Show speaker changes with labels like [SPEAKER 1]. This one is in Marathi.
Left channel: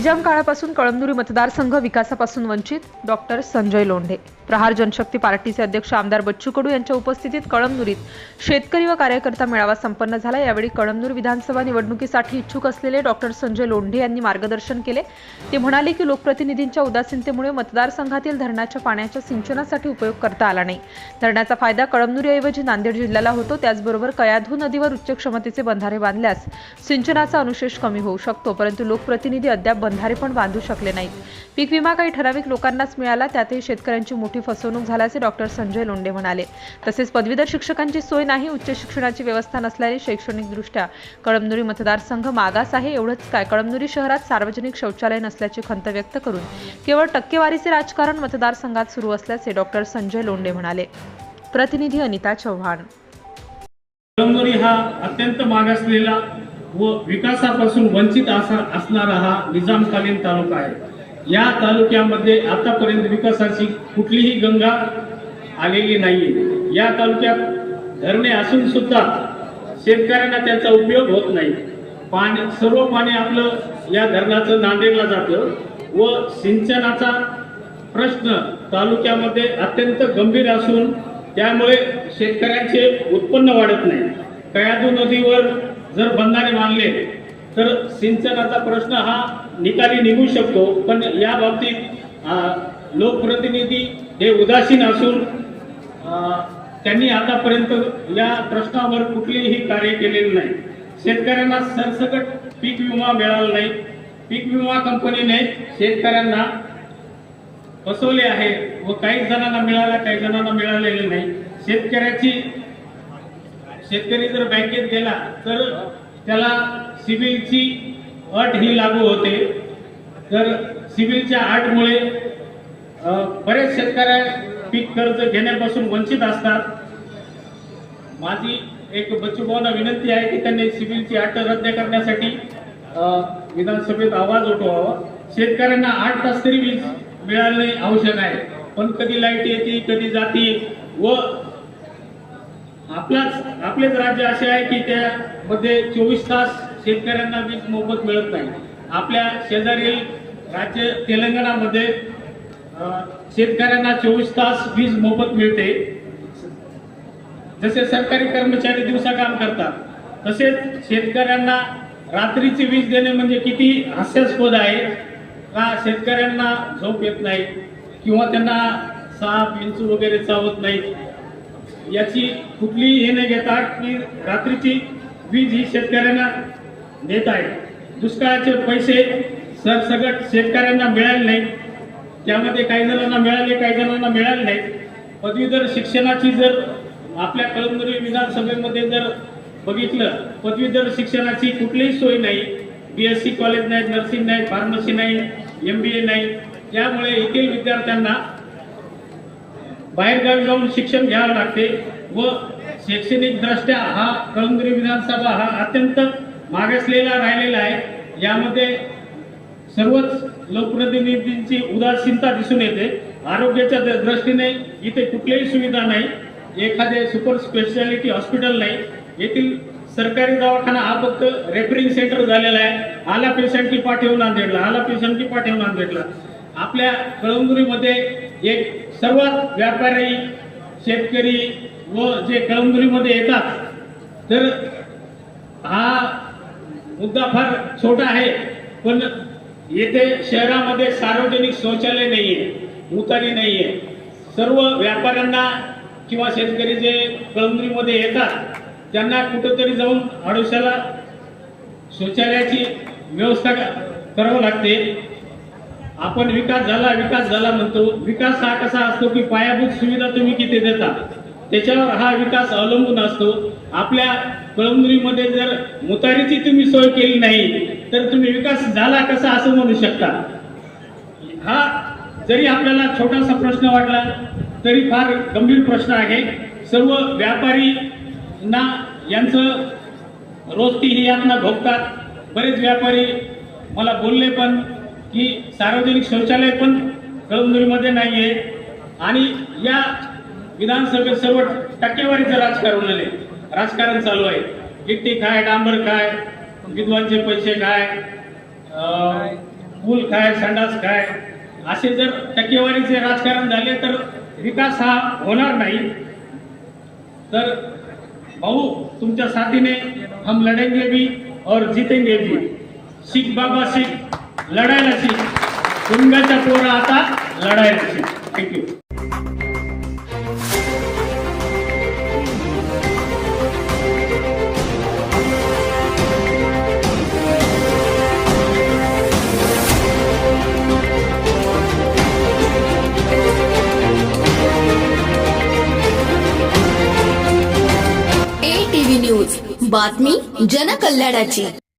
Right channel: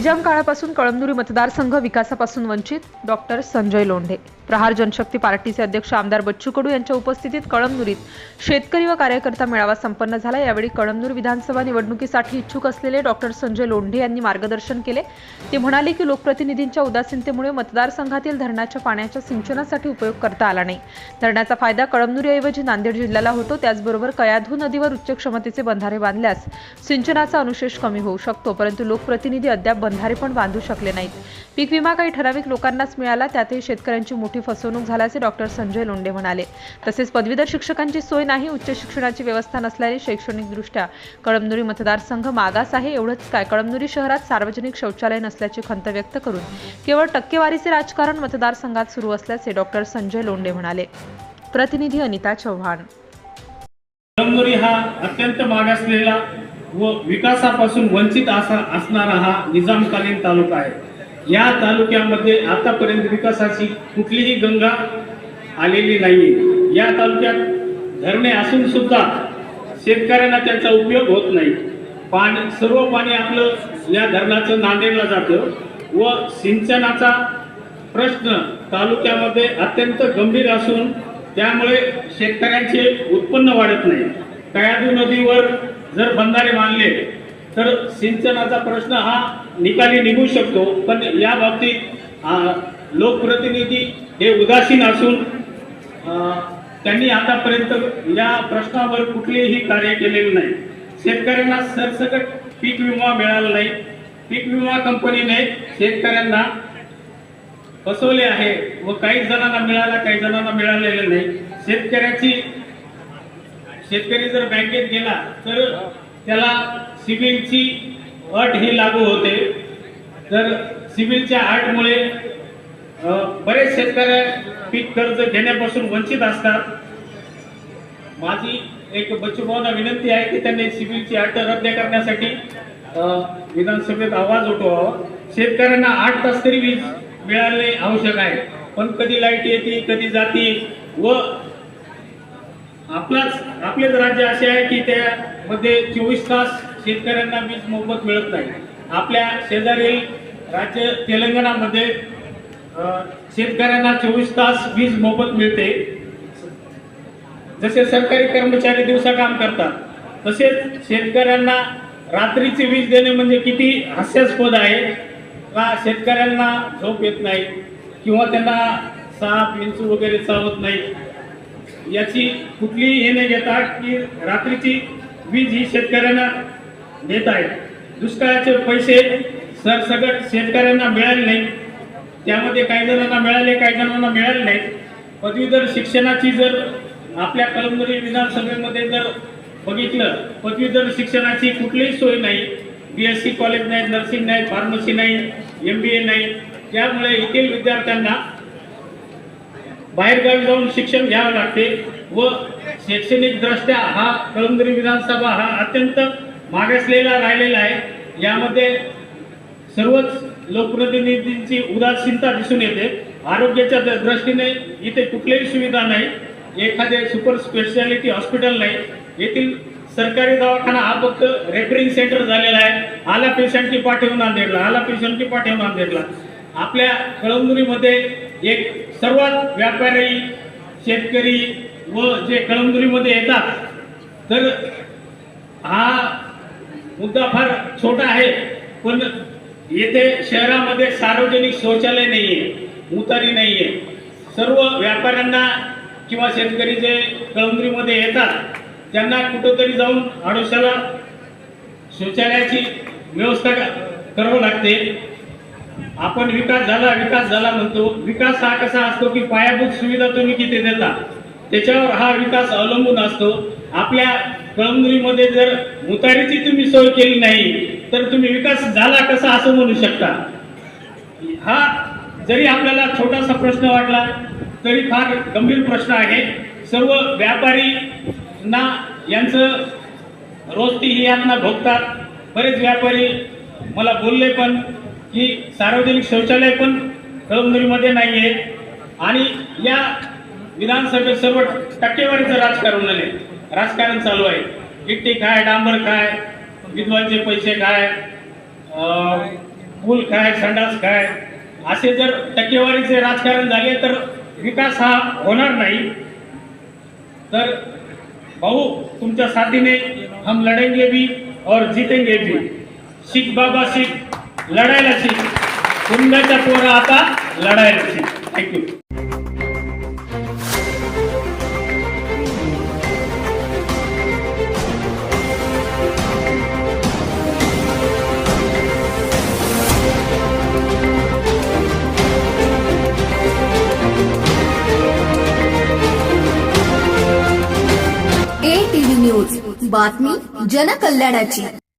[SPEAKER 1] निजाम काळापासून कळमनुरी मतदारसंघ विकासापासून वंचित डॉक्टर संजय लोंढे प्रहार जनशक्ती पार्टीचे अध्यक्ष आमदार बच्चू कडू यांच्या उपस्थितीत कळमनुरीत शेतकरी व कार्यकर्ता मेळावा संपन्न झाला. यावेळी कळमनूर विधानसभा निवडणुकीसाठी इच्छुक असलेले डॉक्टर संजय लोंढे यांनी मार्गदर्शन केले. ते म्हणाले की लोकप्रतिनिधींच्या उदासीनतेमुळे मतदारसंघातील धरणाच्या पाण्याच्या सिंचनासाठी उपयोग करता आला नाही. धरणाचा फायदा कळमनुरीऐवजी नांदेड जिल्ह्याला होतो. त्याचबरोबर कयाधू नदीवर उच्च क्षमतेचे बंधारे बांधल्यास सिंचनाचा अनुशेष कमी होऊ शकतो परंतु लोकप्रतिनिधी अद्याप बंधारे पण बांधू शकले नाहीत. पीक विमा काही ठराविक लोकांनाच मिळाला त्यातही शेतकऱ्यांची मोठी फसवणूक झाल्याचे डॉक्टर संजय लोंढे म्हणाले. तसेच पदवीधर शिक्षकांची सोय नाही उच्च शिक्षणाची व्यवस्था नसल्याने शैक्षणिकदृष्ट्या कळमनुरी मतदारसंघ मागास आहे. एवढंच काय कळमनुरी शहरात सार्वजनिक शौचालय नसल्याची खंत व्यक्त करून केवळ टक्केवारीचे राजकारण मतदारसंघात सुरू असल्याचे डॉक्टर संजय लोंढे म्हणाले. प्रतिनिधी अनिता चव्हाण.
[SPEAKER 2] कळमनुरी हा अत्यंत मागासलेला व विकासापासून वंचित असणारा हा निजामकालीन तालुका आहे. या तालुक्यामध्ये आतापर्यंत विकासाची कुठलीही गंगा आलेली नाही या तालुक्यात धरणे असून सुद्धा शेतकऱ्यांना त्याचा उपयोग होत नाही. पाणी सर्व पाणी आपलं या धरणाचं नांदेडला जातं व सिंचनाचा प्रश्न तालुक्यामध्ये अत्यंत गंभीर असून त्यामुळे शेतकऱ्यांचे उत्पन्न वाढत नाही. कयादू नदीवर जर बंधारे बांधले तर सिंचनाचा प्रश्न हा निकाली निघू शकतो पण या बाबतीत लोकप्रतिनिधी हे उदासीन असून त्यांनी आतापर्यंत या प्रश्नावर कुठलेही कार्य केलेले नाही. शेतकऱ्यांना सरसकट पीक विमा मिळाला नाही. पीक विमा कंपनीने शेतकऱ्यांना फसवले आहे व काही जणांना मिळाला काही जणांना मिळालेले नाही. शेतकऱ्याची शेतकरी जर बँकेत गेला तर त्याला सिबिलची अट ही लागू होते. तर सिबिलच्या अटमुळे बरेच शेतकऱ्या पीक कर्ज घेण्यापासून वंचित असतात. माझी एक बच्चूभाऊंना विनंती आहे की त्यांनी सिबिलची अट रद्द करण्यासाठी विधानसभेत आवाज उठवावा. शेतकऱ्यांना आठ तास तरी वीज मिळाले आवश्यक आहे. पण कधी लाइट येते कधी जाते. व आपलाच आपलेच राज्य असे आहे की त्यामध्ये चोवीस तास शेतकऱ्यांना वीज मोफत मिळत नाही. आपल्या शेजारील राज्य तेलंगणामध्ये शेतकऱ्यांना चोवीस तास वीज मोफत मिळते. जसे सरकारी कर्मचारी दिवसा काम करतात तसेच शेतकऱ्यांना रात्रीची वीज देणे म्हणजे किती हास्यास्पद आहे का शेतकऱ्यांना झोप येत नाही किंवा त्यांना साप विंचू वगैरे चावत नाही याची कुठलीही हे नाही घेता की रात्रीची वीज ही शेतकऱ्यांना देत आहे दुष्काळाचे पैसे सगळं शेतकऱ्यांना मिळाले नाही त्यामध्ये काही जणांना मिळाले काही जणांना मिळाले नाही पदवीधर शिक्षणाची जर आपल्या कळमनुरी विधानसभेमध्ये जर बघितलं पदवीधर शिक्षणाची कुठलीही सोय नाही. बी एस सी कॉलेज नाही नर्सिंग नाही फार्मसी नाही एम बी ए नाही. त्यामुळे येथील विद्यार्थ्यांना बाहेरगावी जाऊन शिक्षण घ्यावं लागते व शैक्षणिक दृष्ट्या हा कळमनुरी विधानसभा हा अत्यंत मागासलेला राहिलेला आहे. यामध्ये सर्वच लोकप्रतिनिधींची उदासीनता दिसून येते. आरोग्याच्या दृष्टीने इथे कुठलीही सुविधा नाही. एखादे सुपर स्पेशालिटी हॉस्पिटल नाही. येथील सरकारी दवाखाना हा फक्त रेफरिंग सेंटर झालेला आहे. आला पेशंटची पाठवून नांदेडला आला पेशंटची पाठवून नांदेडला. आपल्या कळमनुरीमध्ये एक सर्वात व्यापारी शेतकरी व जे कळमनुरीमध्ये येतात तर हा मुद्दा फार छोटा आहे पण येथे शहरामध्ये सार्वजनिक शौचालय नाहीये मुतारी नाहीये. सर्व व्यापाऱ्यांना किंवा शेतकरी जे कळमनुरीमध्ये येतात त्यांना कुठंतरी जाऊन आडोशाला शौचालयाची व्यवस्था करावं लागते. आपण विकास झाला विकास झाला म्हणतो. विकास हा कसा असतो की पायाभूत सुविधा तुम्ही किती देता? त्याच्यावर हा विकास अवलंबून असतो. आपल्या कळमनुरीमध्ये जर मुतारीची तुम्ही सोय केली नाही तर तुम्ही विकास झाला कसा असं म्हणू शकता? हा जरी आपल्याला छोटासा प्रश्न वाटला तरी फार गंभीर प्रश्न आहे. सर्व व्यापारी ना यांचं रोज ती ही यातना भोगतात. बरेच व्यापारी मला बोलले पण की सार्वजनिक शौचालय पण कळमनुरीमध्ये नाही आहे आणि या विधानसभेत सर्व टक्केवारीचं राजकारण आले राजकारण चालू आहे. गिट्टी काय डांबर काय विद्वानचे पैसे काय मूल काय संडास काय असे जर टक्केवारीचे राजकारण झाले तर विकास हा होणार नाही. तर भाऊ तुमच्या साथीने हम लढेंगे भी और जीतेंगे भी. शिख बाबा शिख लढायला शिख कुंडाच्या पोरा आता लढायला शिख थँक्यू
[SPEAKER 3] बातमी जनकल्याणाची.